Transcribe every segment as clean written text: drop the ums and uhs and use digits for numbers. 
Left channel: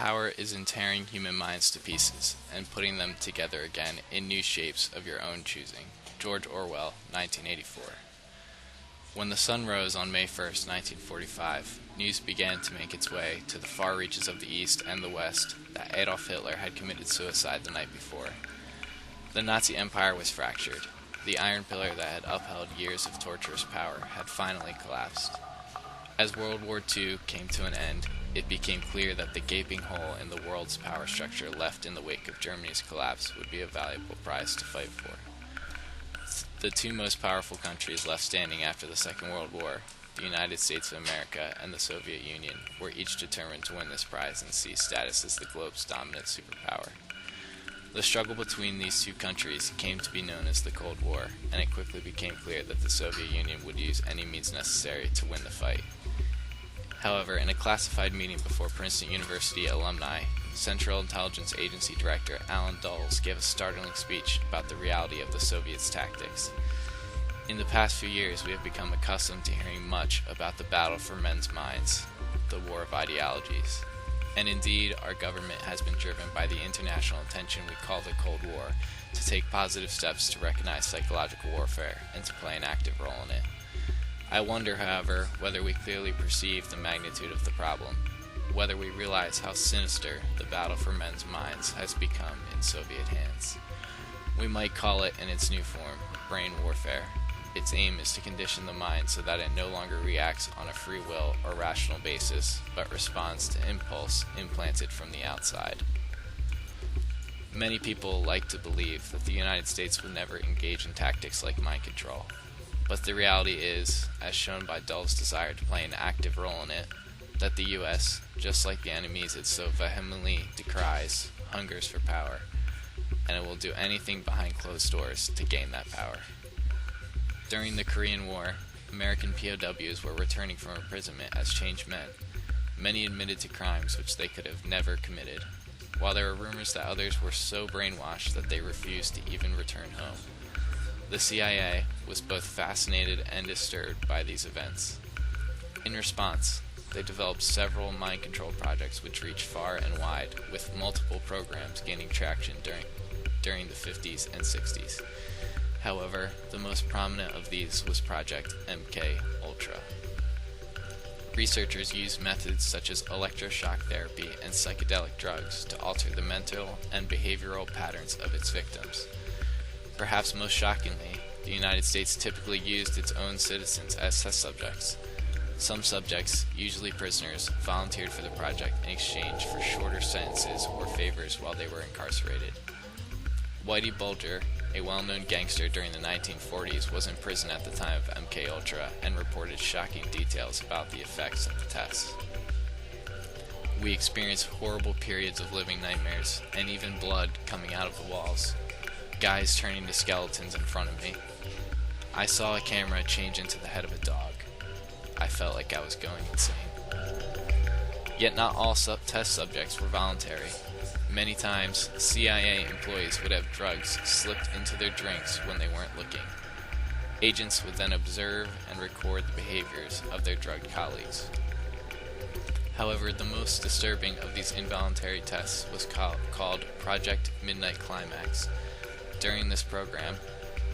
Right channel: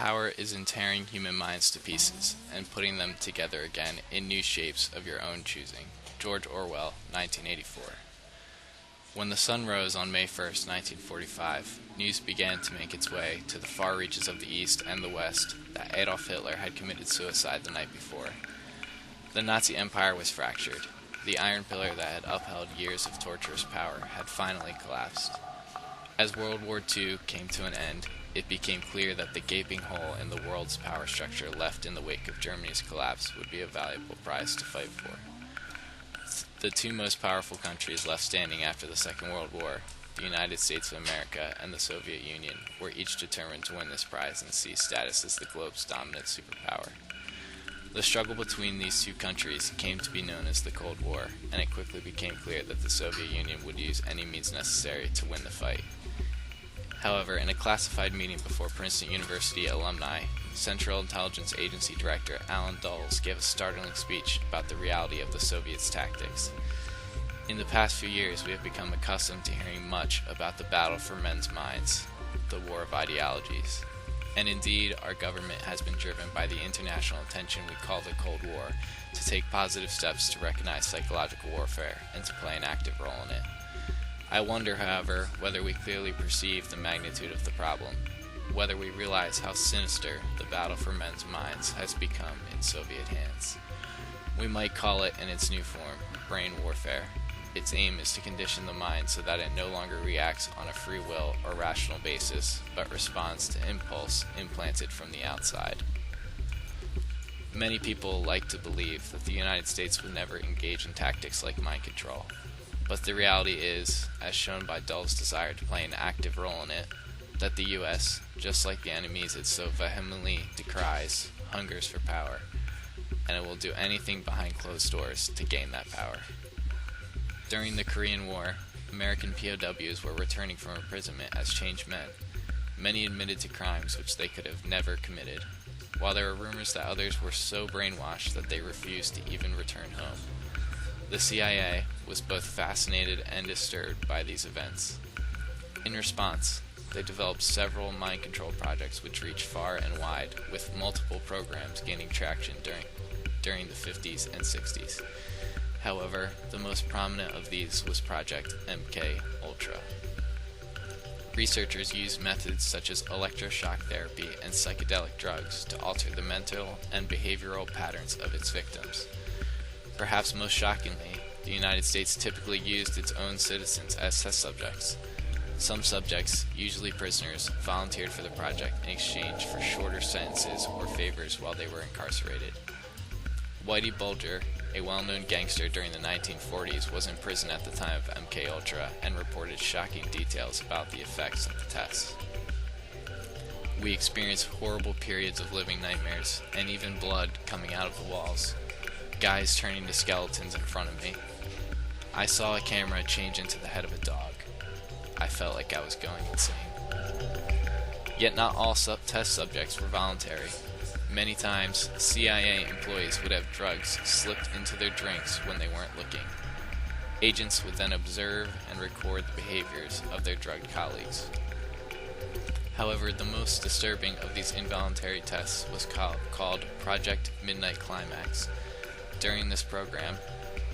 Power is in tearing human minds to pieces and putting them together again in new shapes of your own choosing. George Orwell, 1984. When the sun rose on May 1st, 1945, news began to make its way to the far reaches of the East and the West that Adolf Hitler had committed suicide the night before. The Nazi Empire was fractured. The iron pillar that had upheld years of torturous power had finally collapsed. As World War II came to an end, it became clear that the gaping hole in the world's power structure left in the wake of Germany's collapse would be a valuable prize to fight for. The two most powerful countries left standing after the Second World War, the United States of America and the Soviet Union, were each determined to win this prize and seize status as the globe's dominant superpower. The struggle between these two countries came to be known as the Cold War, and it quickly became clear that the Soviet Union would use any means necessary to win the fight. However, in a classified meeting before Princeton University alumni, Central Intelligence Agency Director Alan Dulles gave a startling speech about the reality of the Soviets' tactics. In the past few years, we have become accustomed to hearing much about the battle for men's minds, the war of ideologies. And indeed, our government has been driven by the international attention we call the Cold War to take positive steps to recognize psychological warfare and to play an active role in it. I wonder, however, whether we clearly perceive the magnitude of the problem, whether we realize how sinister the battle for men's minds has become in Soviet hands. We might call it, in its new form, brain warfare. Its aim is to condition the mind so that it no longer reacts on a free will or rational basis, but responds to impulse implanted from the outside. Many people like to believe that the United States would never engage in tactics like mind control. But the reality is, as shown by Dulles' desire to play an active role in it, that the U.S., just like the enemies it so vehemently decries, hungers for power, and it will do anything behind closed doors to gain that power. During the Korean War, American POWs were returning from imprisonment as changed men. Many admitted to crimes which they could have never committed, while there were rumors that others were so brainwashed that they refused to even return home. The CIA was both fascinated and disturbed by these events. In response, they developed several mind control projects which reached far and wide, with multiple programs gaining traction during the 50s and 60s. However, the most prominent of these was Project MK Ultra. Researchers used methods such as electroshock therapy and psychedelic drugs to alter the mental and behavioral patterns of its victims. Perhaps most shockingly, the United States typically used its own citizens as test subjects. Some subjects, usually prisoners, volunteered for the project in exchange for shorter sentences or favors while they were incarcerated. Whitey Bulger, a well-known gangster during the 1940s, was in prison at the time of MK Ultra and reported shocking details about the effects of the tests. We experienced horrible periods of living nightmares and even blood coming out of the walls. Guys turning to skeletons in front of me. I saw a camera change into the head of a dog. I felt like I was going insane. Yet not all test subjects were voluntary. Many times, CIA employees would have drugs slipped into their drinks when they weren't looking. Agents would then observe and record the behaviors of their drugged colleagues. However, the most disturbing of these involuntary tests was called Project Midnight Climax. During this program,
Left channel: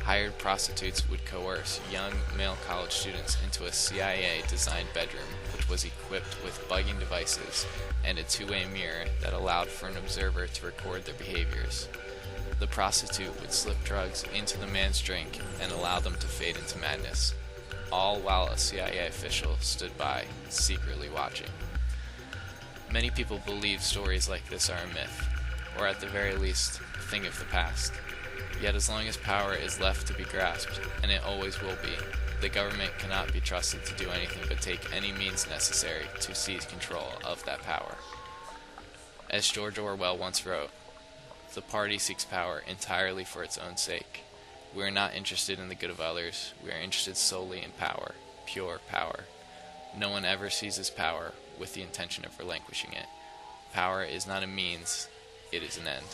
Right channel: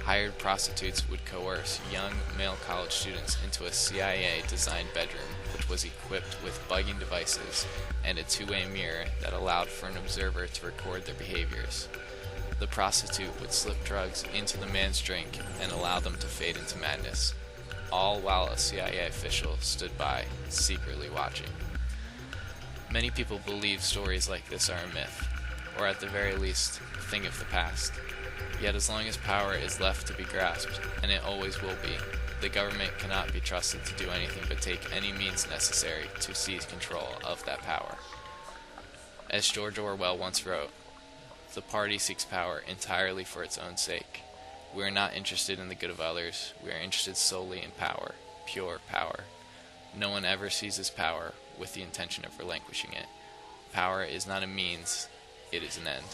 hired prostitutes would coerce young male college students into a CIA-designed bedroom which was equipped with bugging devices and a two-way mirror that allowed for an observer to record their behaviors. The prostitute would slip drugs into the man's drink and allow them to fade into madness, all while a CIA official stood by, secretly watching. Many people believe stories like this are a myth, or at the very least, a thing of the past. Yet as long as power is left to be grasped, and it always will be, the government cannot be trusted to do anything but take any means necessary to seize control of that power. As George Orwell once wrote, "The party seeks power entirely for its own sake. We are not interested in the good of others, we are interested solely in power, pure power. No one ever seizes power with the intention of relinquishing it. Power is not a means, it is an end."